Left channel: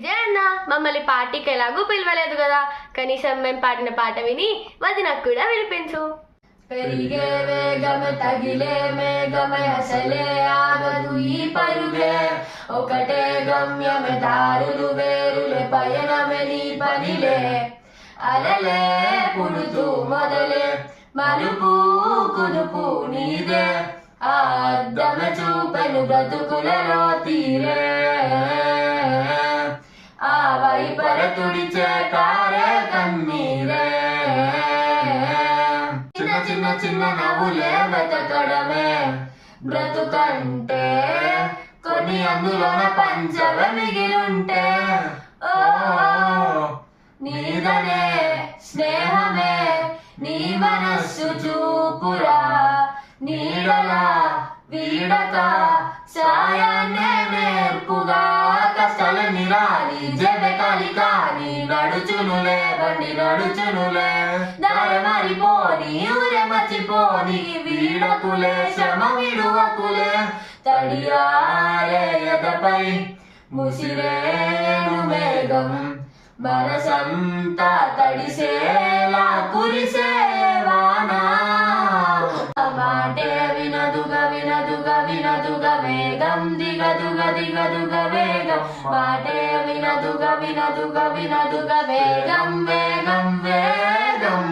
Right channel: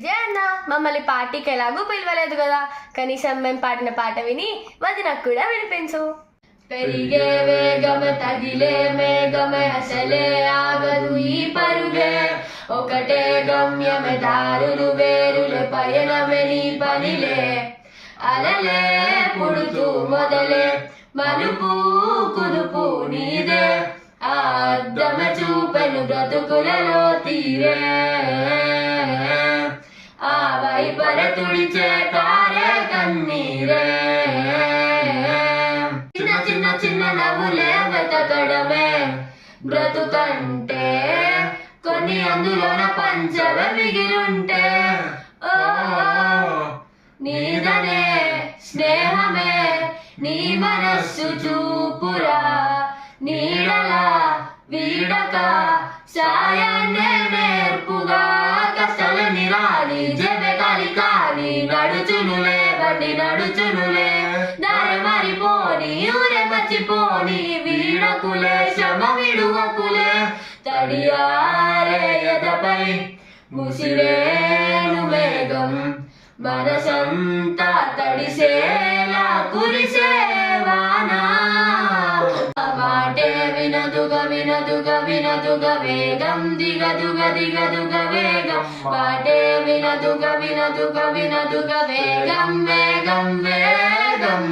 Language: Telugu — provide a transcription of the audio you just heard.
విజయ్ అన్న మమ్మల్ని పార్టీకి ఎలాగూ పిలవలేదు కదా, కనీసం మేము పాడిన పాట విని వదినకు కూడా వినిపించు. పెరిగే వేగమే తగిలే మేఘమే అసలే ఆగదు ఈ పరుగే, ఒకటే గమ్యమే దారులు వేరులే పయనమే నీ పనిలే, అలలే పుడుతూ మొదలే మలుపు కుదుపు నీదే, ఆ అద్దమే చూపెను బ్రతుకులలో తీరే, ఆ వైపర తుడిచే తారే కన్నీరే, చిన్న చిన్న చిన్న నవ్వులే వెతకడమే బ్రతుకంటే, కొన్ని అందులోన పంచవ మిగిలుంటే, ఓ నీదనే స్నేహమే నీ మనస్సు చూపురా, నీడలా వీడక సాయాన్నే నేర్పుగా, కష్టాలని రాని జెబె కాని నడుచునులే బండి నడుచునులే, దారి మారిపోని ఊరే మర్చిపోని వీడకులే శ్రమ విడువకులే, తడియారే ఎదపై ముసిరేను మేఘం, మనసంతా తడిసేలా కురిసే వానా, మాటే వినదుగా వినదుగా వినదుగా వేగం దిగదుగా దిగదుగా వేగం, మాటే వినదుగా వినదుగా వినదుగా వేగం వేగం వేగం.